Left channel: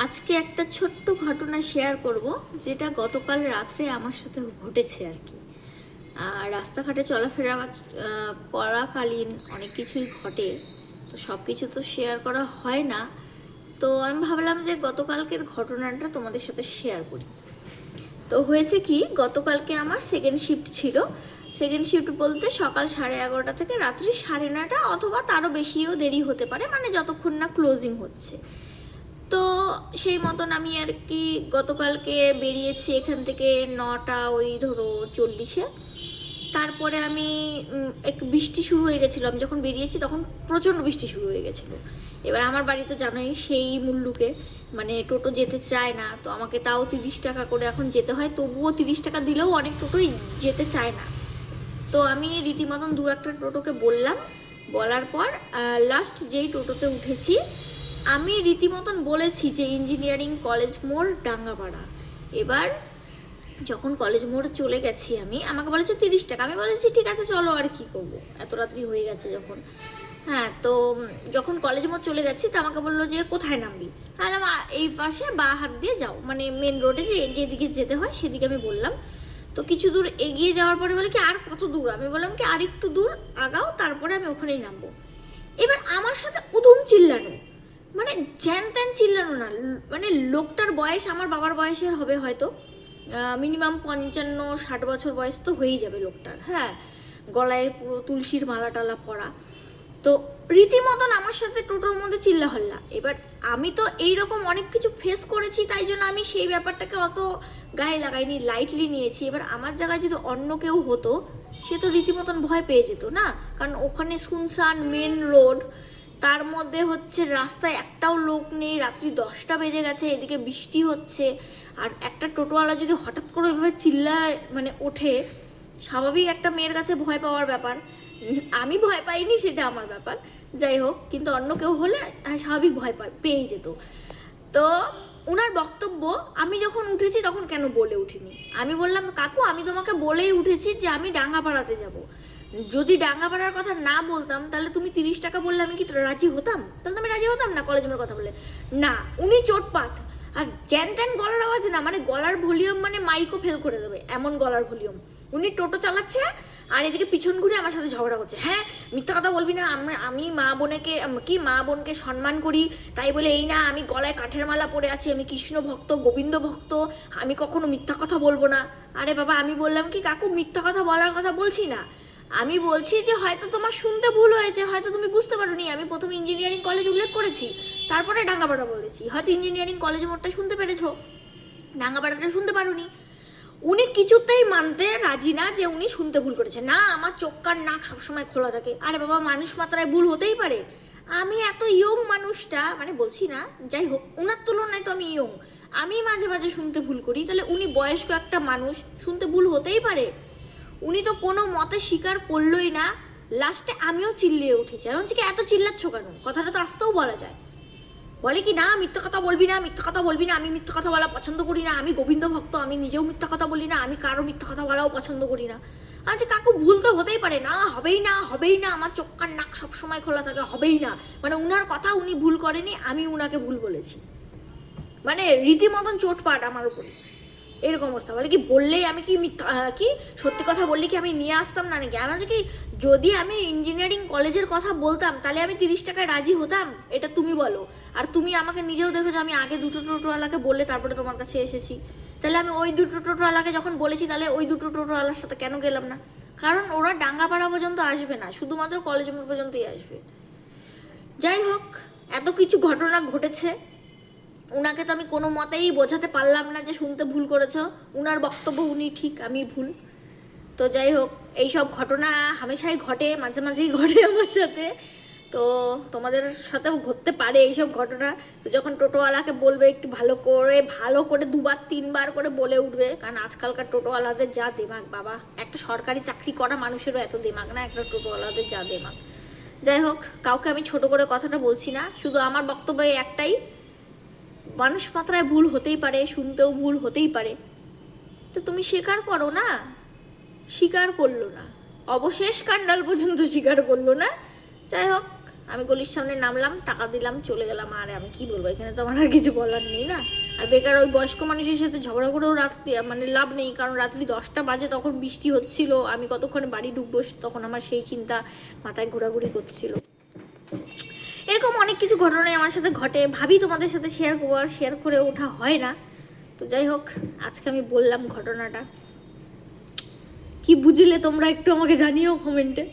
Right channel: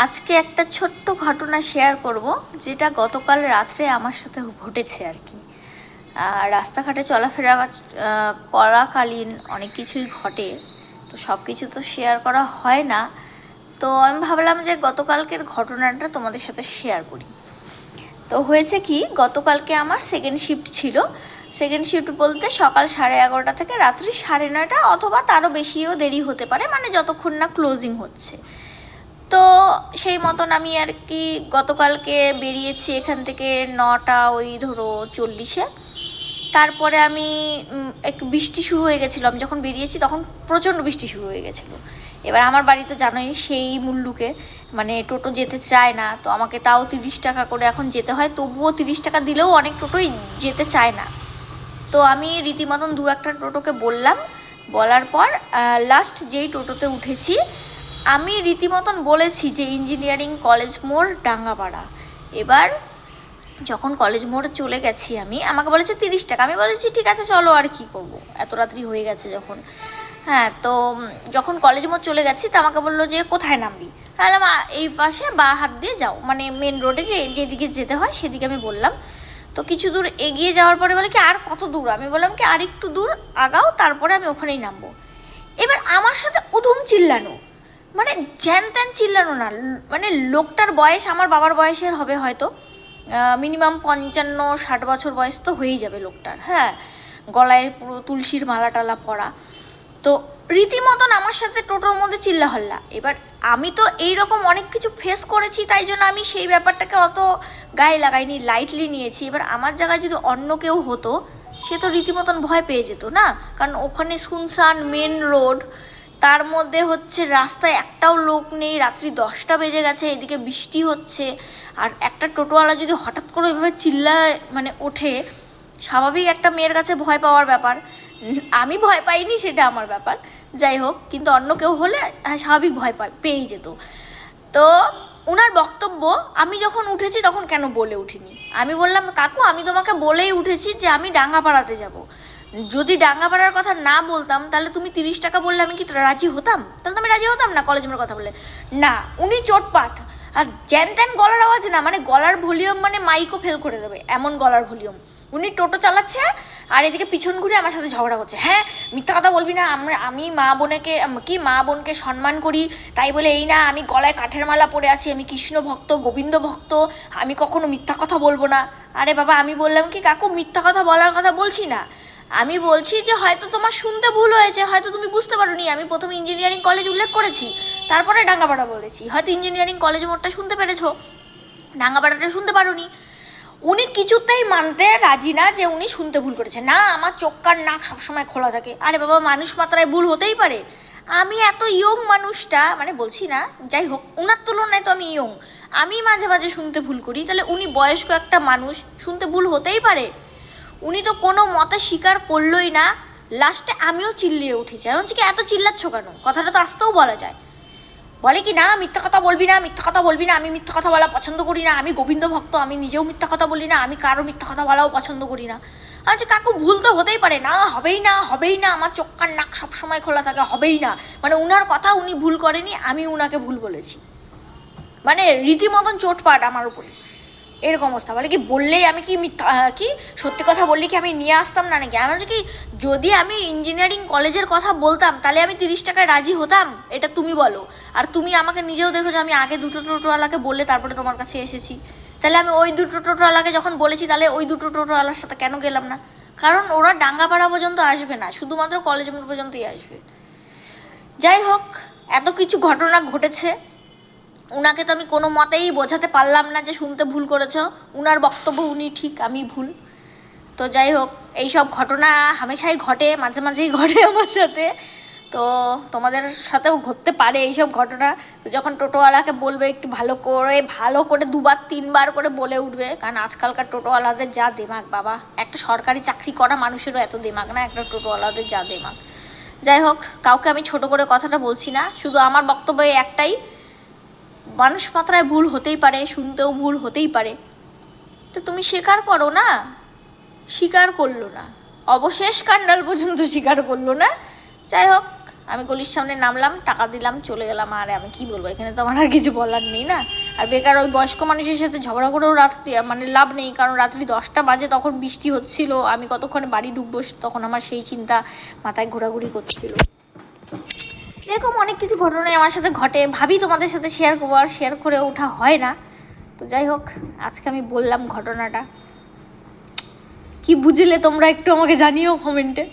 আজকে একটা ছোট্ট ঘটনা শেয়ার করব, যেটা গতকাল রাত্রে আমার সাথে ঘটেছে আর কি। রাস্তাঘাটে চলাফেরা করাকালীন অনেক কিছুই ঘটে, তো সব কিছু তো শেয়ার করা হয় না। তো আমি ভাবলাম যে গতকালকের ঘটনাটা তোমাদের সাথে শেয়ার করি। তো হয়েছে কি, গতকালকে আমার সেকেন্ড শিফট ছিল। সেকেন্ড শিফট বলতে সকাল 11:30 থেকে রাত্রি 9:30 অথবা তারও বেশিও দেরি হতে পারে, মানে যতক্ষণ না ক্লোজিং হচ্ছে। তো সেই মতন আমি আর কি গতকালকে বেরিয়েছি এখান থেকে 9টা ওই ধরো 40-এ। তারপরে আমি একটু বৃষ্টি শুরু হয়ে গেছিলো, আমি যখন বেরিয়েছি তখন প্রচণ্ড বৃষ্টি শুরু হয়ে গেছিলো। এবার আমার বাড়ি তো জানোই সেই মুল্লুকে, মানে টোটো যেতে চায় না, তো আমাকে তাও 30 টাকা করে এখন যেতে হয়, তবুও 30 টাকা দিলেও অনেক টোটোই যেতে চায় না। তো আমি রীতিমতন দু একটা টোটোকে বললাম, বলার পর লাস্ট যেই টোটোতে উঠেছি আমি রীতিমতন বলেছি যে ইঞ্জিনিয়ারিং কলেজ মোড় ডাঙ্গাপাড়া। এবার যখন কলেজ মোড়ে চলে গেছি আমাকে বলেছে 30 টাকা। আমি বলেছি ঠিক আছে চলো, আর কি করব, এত রাত্রি হয়ে গেছে যখন। হ্যাঁ, তো যখন কলেজ মোড় চলে গেছি তো আমাকে বললো যে কোথায় নামবি। তাহলে এই পাশে বা হাত দিয়ে যাও, মানে মেন রোডে যেদিকে যেতে হয় সেদিকে আমি বললাম। তো কিছু দূর এগিয়ে যাওয়ার পরে বলে কি আর কত দূর, আমি বললাম কি আর একটু দূর আগাও, তারপরে আমি ওখানেই নামবো। এবার আমার সাথে উধুম চিল্লানো, মানে জ্যান ত্যান চিল্লানো না, মানে লোকটার বয়স আমার বাবার বয়সের হবে হয়তো, মিনিমাম 55-60 বছর বয়স তো হয়েই যাবে লোকটার। হ্যাঁ, গলায় পুরো তুলসীর মালা টালা পরা। তো রীতিমতন আমার সাথে টোটোর মধ্যে চিল্লা হল্লা। এবার আমি তো এইরকম অনেক কিছু ফেস করেছি, তাই জন্য আমি সেই ব্যাপারটাকে অত গায়ে লাগাইনি, লাইটলি নিয়েছি। এবার আমার জায়গায় যদি অন্য কেউ হতো সে তো রীতিমতন ভয় পেয়ে যেত না, কারণ ওখানে শুনশান মেন রোড, তার মধ্যে হচ্ছে রাস্তায় একটাও লোক নেই, রাত্রি 10টা বেজে গেছে, এদিকে বৃষ্টি হচ্ছে, আর একটা টোটোওয়ালা যদি হঠাৎ করে ওইভাবে চিল্লায় মানে ওঠে, স্বাভাবিক একটা মেয়ের কাছে ভয় পাওয়ার ব্যাপার। আমি ভয় পাইনি সেটা আমার ব্যাপার, যাই হোক, কিন্তু অন্য কেউ হলে স্বাভাবিক ভয় পেয়েই যেত। তো ওনার বক্তব্য, আমি যখন উঠেছি তখন কেন বলে উঠিনি। আমি বললাম কাকু আমি তোমাকে বলেই উঠেছি যে আমি ডাঙ্গাপাড়াতে যাব। যদি ডাঙ্গাপাড়ার কথা না বলতাম তাহলে তুমি 30 টাকা বললে আমি কি রাজি হতাম? তাহলে তো আমি রাজি হতাম না কলেজ মোড়ের কথা বলে। না, উনি চোটপাট, আর জ্যান ত্যান গলার আওয়াজ না, মানে গলার ভলিউম মানে মাইকও ফেল করে দেবে এমন গলার ভলিউম। উনি টোটো চালাচ্ছে আর এদিকে পিছন ঘুরে আমার সাথে ঝগড়া করছে। হ্যাঁ, মিথ্যা কথা বলবি না, আমি মা বোনকে সম্মান করি, তাই বলে এই না আমি গলায় কাঠের মালা পরে আছি, আমি কৃষ্ণ ভক্ত গোবিন্দ ভক্ত, আমি কখনো মিথ্যা কথা বলবো না। আরে বাবা, আমি বললাম কি কাকু মিথ্যা কথা বলার কথা বলছি না, আমি বলছি যে হয়তো তোমার শুনতে ভুল হয়েছে, হয়তো তুমি বুঝতে পারোনি, আমি প্রথমে ইঞ্জিনিয়ারিং কলেজ উল্লেখ করেছি, তারপরে ডাঙ্গাপাড়া বলেছি, হয়তো ইঞ্জিনিয়ারিং কলেজ মোড়টা শুনতে পেরেছো, ডাঙ্গাপাড়াটা শুনতে পারোনি। উনি কিছুতেই মানতে রাজি না যে উনি শুনতে ভুল করেছে। না, আমার চোখ কান নাক সবসময় খোলা থাকে। আরে বাবা, মানুষ মাত্রায় ভুল হতেই পারে, আমি এত ইয়ং মানুষটা, মানে বলছি না, যাই হোক উনার তুলনায় তো আমি ইয়ং, আমি মাঝে মাঝে শুনতে ভুল করি, তাহলে উনি বয়স্ক একটা মানুষ, শুনতে ভুল হতেই পারে। উনি তো কোনো মতে স্বীকার করলোই না। লাস্টে আমিও চিল্লিয়ে উঠেছি, আমি বলছি কি এত চিল্লাচ্ছ কেন, কথাটা তো আসতেও বলা যায়। বলে কি না মিথ্যা কথা বলবি না, মিথ্যা কথা বলবি না, আমি মিথ্যা কথা বলা পছন্দ করি না, আমি গোবিন্দ ভক্ত, আমি নিজেও মিথ্যা কথা বলি না, আমি কারো মিথ্যা কথা বলাও পছন্দ করি না। আচ্ছা কাকু ভুল তো হতেই পারে, না হবেই না, হবেই না, আমার চোখ কান নাক সবসময় খোলা থাকে, হবেই না, মানে উনার কথা উনি ভুল করেনি, আমি উনাকে ভুল বলেছি, মানে রীতিমতন চোটপাট আমার উপরে, এরকম অবস্থা। বলে কি বললেই আমি কি মিথ্যা কি সত্যি কথা বললে কি আমি নিয়ে আসতাম না নাকি? আমি বলছি কি যদি আমি ইঞ্জিনিয়ারিং কলেজের কথা বলতাম তাহলে আমি 30 টাকায় রাজি হতাম, এটা তুমি বলো। আর তুমি আমাকে নিজেও দেখো যে আমি আগে দুটো টোটোওয়ালাকে বললে তারপরে তোমার কাছে এসেছি, তাহলে আমি ওই দুটো টোটোওয়ালাকে যখন বলেছি তাহলে ওই দুটো টোটোওয়ালার সাথে কেন গেলাম না? কারণ ওরা ডাঙ্গাপাড়া পর্যন্ত আসবে না, শুধুমাত্র কলেজ মোড় পর্যন্তই আসবে। যাই হোক, এত কিছু ঘটনা ঘটেছে, উনাকে তো আমি কোনো মতেই বোঝাতে পারলাম না যে শুনতে ভুল করেছ, উনার বক্তব্য উনি ঠিক আমি ভুল। তো যাই হোক, এইসব ঘটনা হামেশাই ঘটে, মাঝে মাঝেই ঘটে আমার সাথে, তো তোমাদের সাথেও ঘটতে পারে এইসব ঘটনা। তো যখন টোটোওয়ালাকে বলবে একটু ভালো করে 2-3 বার করে বলে উঠবে, কারণ আজকালকার টোটোওয়ালাদের যা দেমাগ বাবা, একটা সরকারি চাকরি করা মানুষেরও এত দেমাগ না, একটা টোটোওয়ালাদের যা দেমাগ। যাই হোক, কাউকে আমি ছোট করে কথাটা বলছি না, শুধু আমার বক্তব্য একটাই, মানুষ মাত্রায় ভুল হতেই পারে, শুনতেও ভুল হতেই পারে, তো তুমি স্বীকার করো না। স্বীকার করলো না, অবশেষ কান্ডাল পর্যন্ত স্বীকার করলো না। যাই হোক, আমি গলির সামনে নামলাম, টাকা দিলাম, চলে গেলাম। আর আমি কি বলবো, এখানে তো আমার আর কিছু বলার নেই না। আর বেকার ওই বয়স্ক মানুষের সাথে ঝগড়া করেও রাত্রি মানে লাভ নেই, কারণ রাত্রি 10টা বাজে, তখন বৃষ্টি হচ্ছিল, আমি কতক্ষণে বাড়ি ঢুকবো তখন আমার সেই চিন্তা মাথায় ঘোরাঘুরি করছিল। এরকম অনেক কিছু ঘটনাই আমার সাথে ঘটে, ভাবি তোমাদের সাথে শেয়ার করবো, আর শেয়ার করে ওঠা হয় না। তো যাই হোক, আজকে আমি বললাম ঘটনাটা। কি বুঝলে তোমরা একটু আমাকে জানিও কমেন্টে।